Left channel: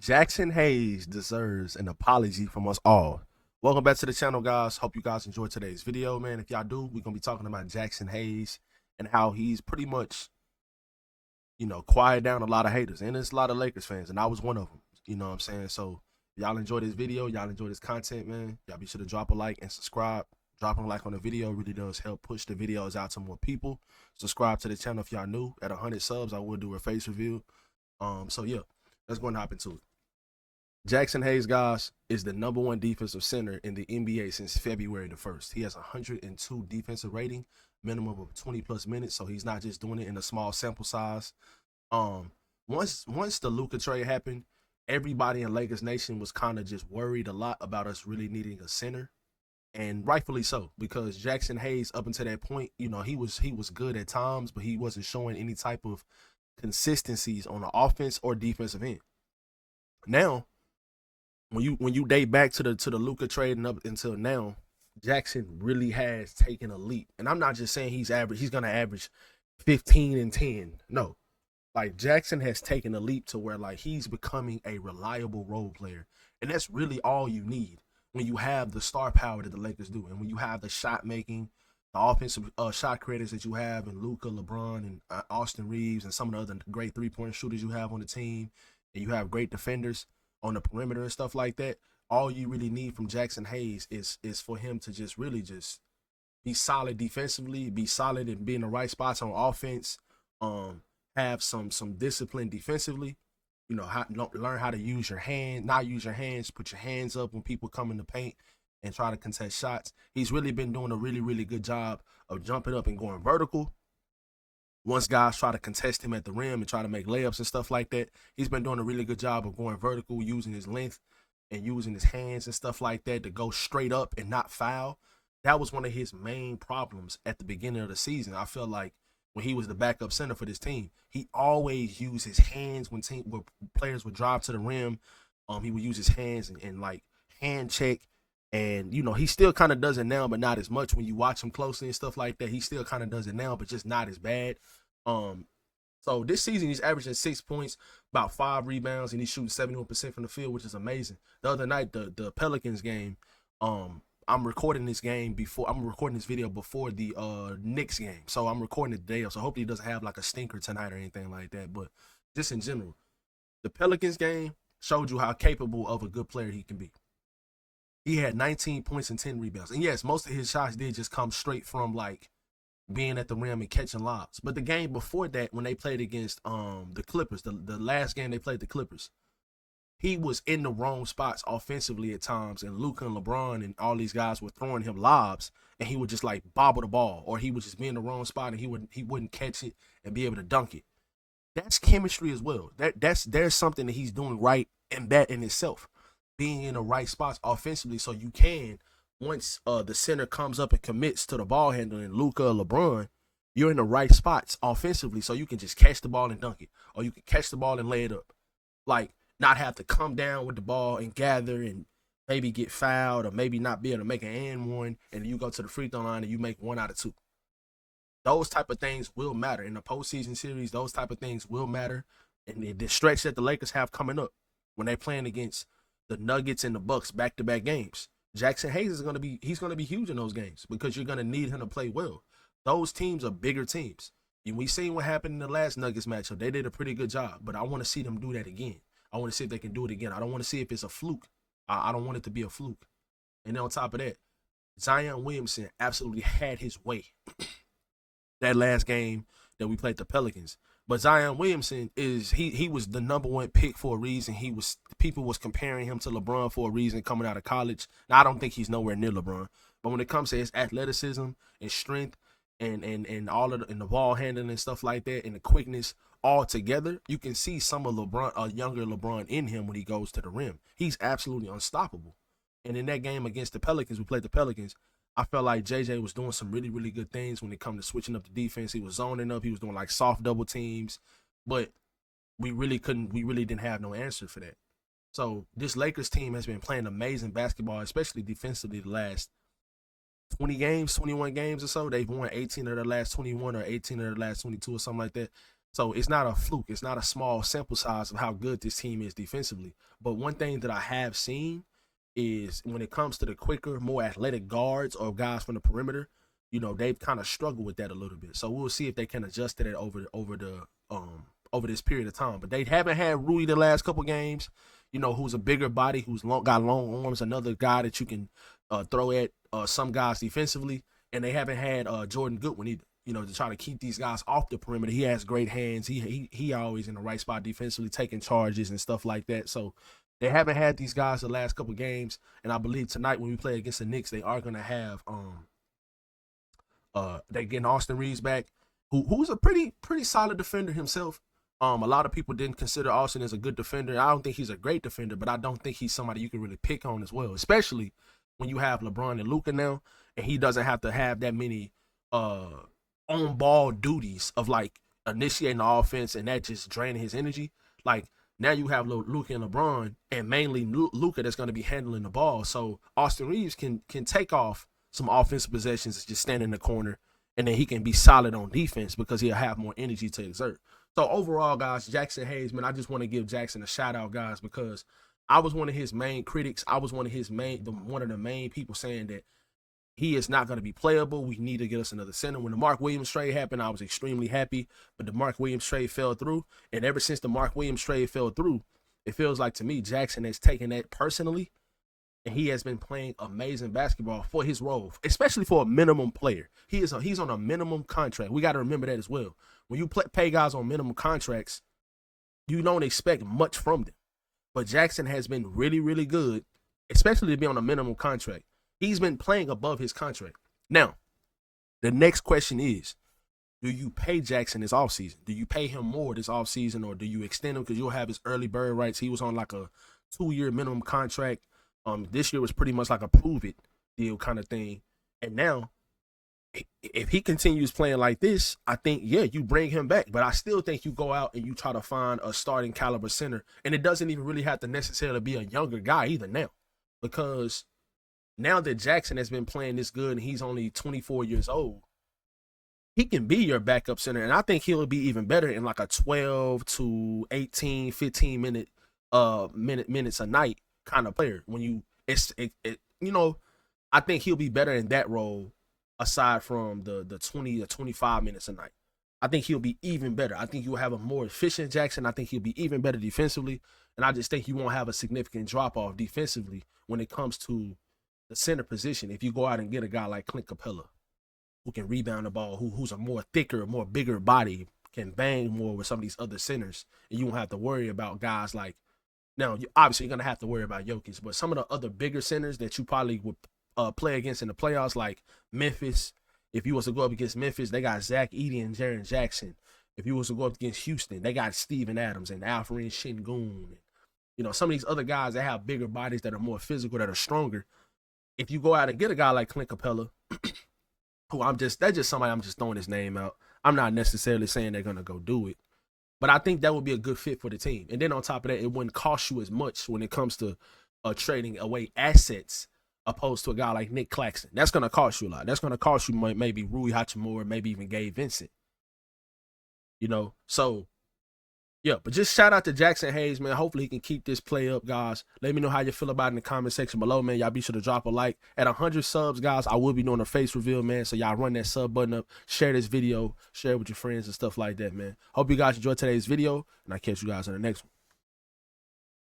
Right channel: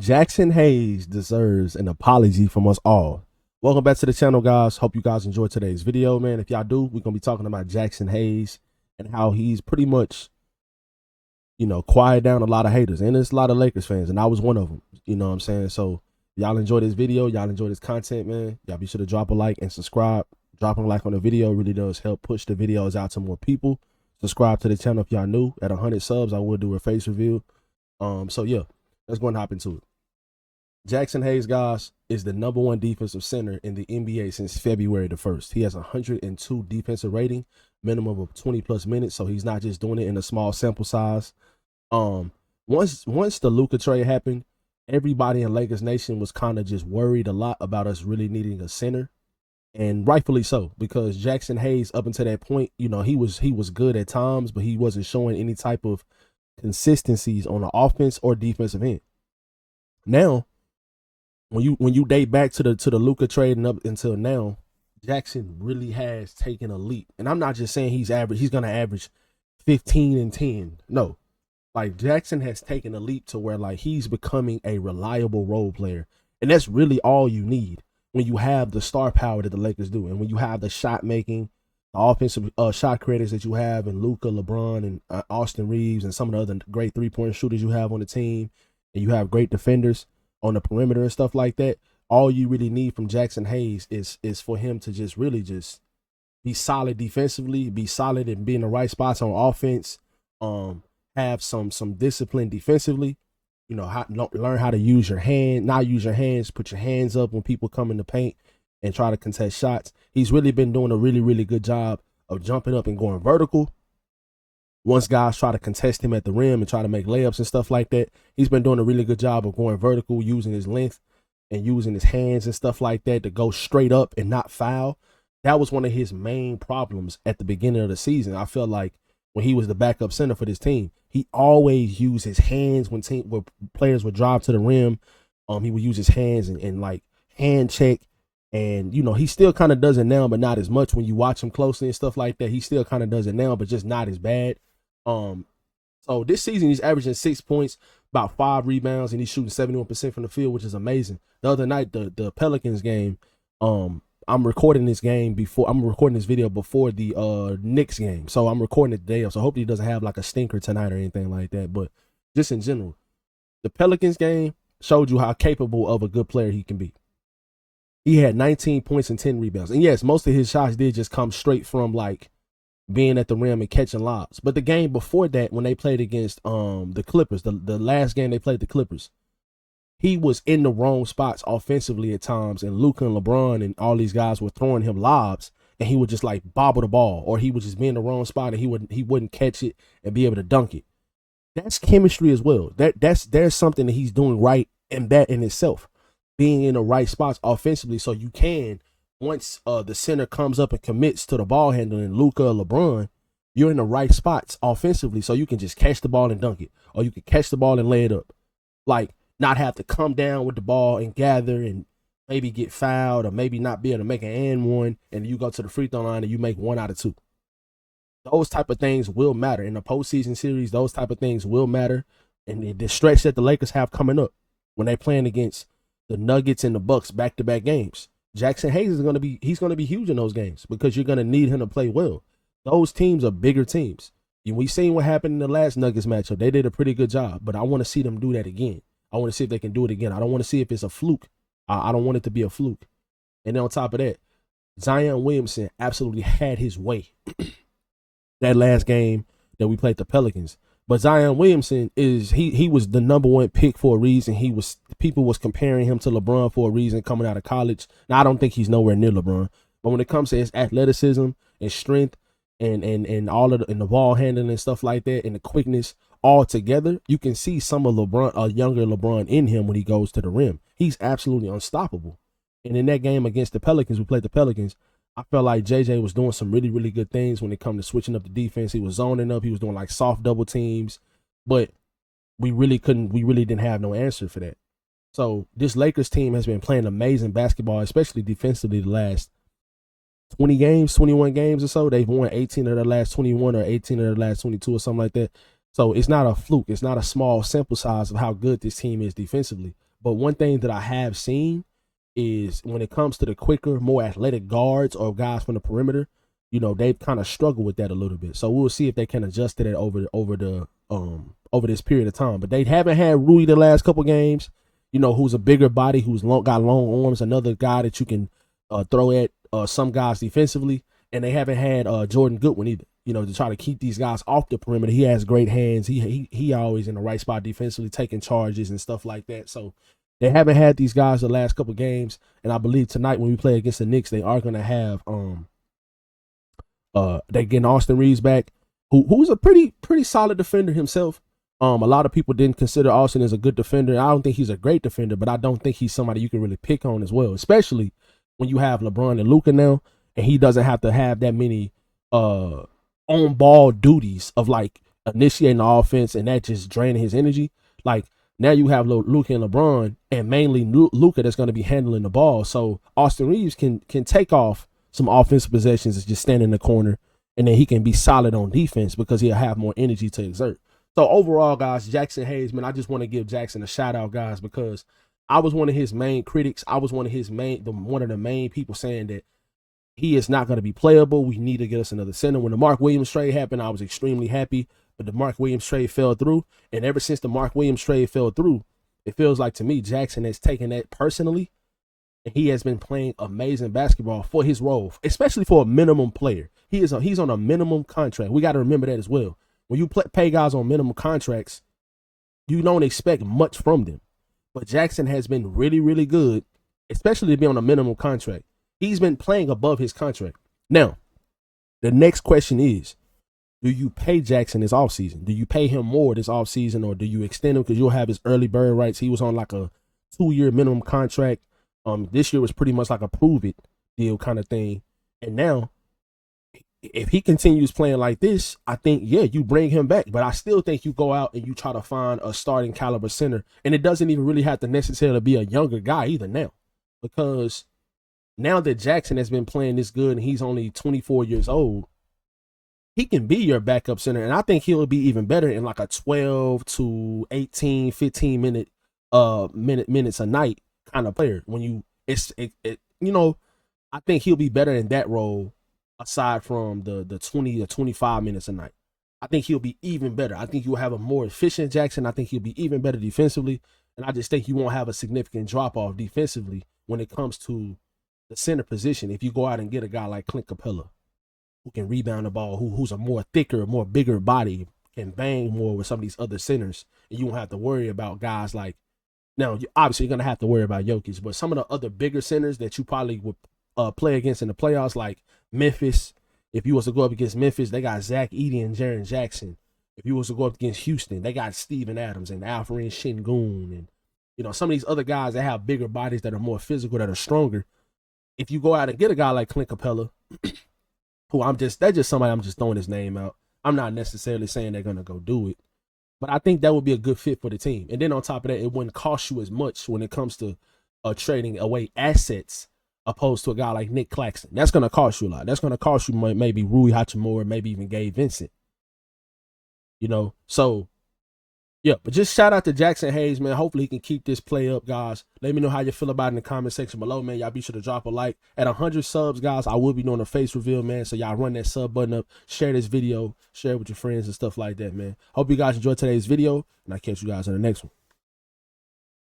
Jaxson Hayes deserves an apology from us all. Welcome back to the channel, guys. Hope you guys enjoyed today's video, man. If y'all do, we're going to be talking about Jaxson Hayes and how he's pretty much, quiet down a lot of haters. And there's a lot of Lakers fans, and I was one of them. You know what I'm saying? So, y'all enjoy this video. Y'all enjoy this content, man. Y'all be sure to drop a like and subscribe. Dropping a like on the video really does help push the videos out to more people. Subscribe to the channel if y'all new. At 100 subs, I will do a face review. So, yeah, let's go and hop into it. Jaxson Hayes, guys, is the #1 defensive center in the NBA since February the 1st. He has 102 defensive rating, minimum of 20 plus minutes, so he's not just doing it in a small sample size. Once the Luka trade happened, everybody in Lakers Nation was kind of just worried a lot about us really needing a center, and rightfully so, because Jaxson Hayes, up until that point, he was good at times, but he wasn't showing any type of consistencies on the offense or defensive end. Now, when you date back to the Luka trade and up until now, Jaxson really has taken a leap. And I'm not just saying he's gonna average 15 and 10. No. Like, Jaxson has taken a leap to where, like, he's becoming a reliable role player. And that's really all you need when you have the star power that the Lakers do. And when you have the shot making, the offensive shot creators that you have, and Luka, LeBron, and Austin Reeves, and some of the other great 3-point shooters you have on the team, and you have great defenders on the perimeter and stuff like that, all you really need from Jaxson Hayes is for him to just really just be solid defensively, be solid and be in the right spots on offense, have some discipline defensively, learn how to use your hand, not use your hands, put your hands up when people come in the paint and try to contest shots. He's really been doing a really, really good job of jumping up and going vertical. Once guys try to contest him at the rim and try to make layups and stuff like that, he's been doing a really good job of going vertical, using his length and using his hands and stuff like that to go straight up and not foul. That was one of his main problems at the beginning of the season. I felt like when he was the backup center for this team, he always used his hands when players would drive to the rim. He would use his hands and like hand check. And, he still kind of does it now, but not as much. When you watch him closely and stuff like that, he still kind of does it now, but just not as bad. So this season he's averaging 6 points, about 5 rebounds, and he's shooting 71% from the field, which is amazing. The other night, the Pelicans game, I'm recording this video before the Knicks game. So I'm recording it today. So hopefully he doesn't have like a stinker tonight or anything like that. But just in general, the Pelicans game showed you how capable of a good player he can be. He had 19 points and 10 rebounds. And yes, most of his shots did just come straight from like being at the rim and catching lobs. But the game before that, when they played against the Clippers, the last game they played the Clippers, he was in the wrong spots offensively at times, and Luka and LeBron and all these guys were throwing him lobs, and he would just like bobble the ball, or he would just be in the wrong spot and he wouldn't catch it and be able to dunk it. That's chemistry as well. There's something that he's doing right, and that in itself, being in the right spots offensively, so you can, once the center comes up and commits to the ball handling, Luka or LeBron, you're in the right spots offensively, so you can just catch the ball and dunk it, or you can catch the ball and lay it up. Like, not have to come down with the ball and gather and maybe get fouled, or maybe not be able to make an and one, and you go to the free throw line and you make 1 out of 2. Those type of things will matter in the postseason series. Those type of things will matter, and the stretch that the Lakers have coming up when they're playing against the Nuggets and the Bucks back-to-back games. Jaxson Hayes is going to be huge in those games, because you're going to need him to play well. Those teams are bigger teams. We seen what happened in the last Nuggets matchup. They did a pretty good job, but I want to see them do that again. I want to see if they can do it again. I don't want to see if it's a fluke. I don't want it to be a fluke. And then on top of that, Zion Williamson absolutely had his way that last game that we played the Pelicans. But Zion Williamson he was the #1 pick for a reason. People was comparing him to LeBron for a reason coming out of college. Now, I don't think he's nowhere near LeBron, but when it comes to his athleticism and strength and all of the ball handling and stuff like that, and the quickness all together, you can see some of LeBron, a younger LeBron, in him when he goes to the rim. He's absolutely unstoppable. And in that game against the Pelicans, we played the Pelicans, I felt like JJ was doing some really, really good things when it comes to switching up the defense. He was zoning up. He was doing like soft double teams, but we really didn't have no answer for that. So this Lakers team has been playing amazing basketball, especially defensively, the last 20 games, 21 games or so. They've won 18 of their last 21 or 18 of their last 22 or something like that. So it's not a fluke. It's not a small sample size of how good this team is defensively. But one thing that I have seen is when it comes to the quicker, more athletic guards or guys from the perimeter, you know, they've kind of struggled with that a little bit. So we'll see if they can adjust to that over this period of time. But they haven't had Rui the last couple games, you know, who's a bigger body, who's got long arms, another guy that you can throw at some guys defensively. And they haven't had Jordan Goodwin either, you know, to try to keep these guys off the perimeter. He has great hands. He always in the right spot defensively, taking charges and stuff like that. So they haven't had these guys the last couple games. And I believe tonight when we play against the Knicks, they are going to have they getting Austin Reeves back, who's a pretty solid defender himself. A lot of people didn't consider Austin as a good defender. I don't think he's a great defender, but I don't think he's somebody you can really pick on as well, especially when you have LeBron and Luka now, and he doesn't have to have that many on-ball duties of like initiating the offense and that just draining his energy. Like now you have Luka and LeBron, and mainly Luka that's going to be handling the ball. So Austin Reeves can take off some offensive possessions and just stand in the corner, and then he can be solid on defense because he'll have more energy to exert. So overall, guys, Jaxson Hayes, man, I just want to give Jaxson a shout out, guys, because I was one of his main critics. I was one of the main people saying that he is not going to be playable. We need to get us another center. When the Mark Williams trade happened, I was extremely happy, but the Mark Williams trade fell through. And ever since the Mark Williams trade fell through, it feels like to me Jaxson has taken that personally, and he has been playing amazing basketball for his role, especially for a minimum player. He's on a minimum contract. We got to remember that as well. When you pay guys on minimum contracts, you don't expect much from them. But Jaxson has been really, really good, especially to be on a minimum contract. He's been playing above his contract. Now, the next question is, do you pay Jaxson this offseason? Do you pay him more this offseason, or do you extend him because you'll have his early bird rights? He was on like a 2-year minimum contract. This year was pretty much like a prove it deal kind of thing. And now, if he continues playing like this, I think, yeah, you bring him back. But I still think you go out and you try to find a starting caliber center. And it doesn't even really have to necessarily be a younger guy either now. Because now that Jaxson has been playing this good and he's only 24 years old, he can be your backup center. And I think he'll be even better in like a 12 to 18, 15 minutes a night kind of player. When I think he'll be better in that role aside from the 20 to 25 minutes a night. I think he'll be even better. I think you'll have a more efficient Jaxson. I think he'll be even better defensively. And I just think you won't have a significant drop-off defensively when it comes to the center position if you go out and get a guy like Clint Capella who can rebound the ball, who's a more thicker, more bigger body, can bang more with some of these other centers. And you won't have to worry about guys like, now, obviously you're going to have to worry about Jokic, but some of the other bigger centers that you probably would play against in the playoffs, like Memphis. If you was to go up against Memphis, they got Zach Edey and Jaren Jackson. If you was to go up against Houston, they got Steven Adams and Alfred Şengün, and some of these other guys that have bigger bodies that are more physical, that are stronger. If you go out and get a guy like Clint Capella, that's just somebody I'm just throwing his name out. I'm not necessarily saying they're gonna go do it, but I think that would be a good fit for the team. And then on top of that, it wouldn't cost you as much when it comes to trading away assets opposed to a guy like Nick Claxton. That's going to cost you a lot. That's going to cost you maybe Rui Hachimura, maybe even Gabe Vincent. So, yeah. But just shout out to Jaxson Hayes, man. Hopefully he can keep this play up, guys. Let me know how you feel about it in the comment section below, man. Y'all be sure to drop a like. At 100 subs, guys, I will be doing a face reveal, man. So y'all run that sub button up, share this video, share it with your friends and stuff like that, man. Hope you guys enjoyed today's video, and I'll catch you guys in the next one.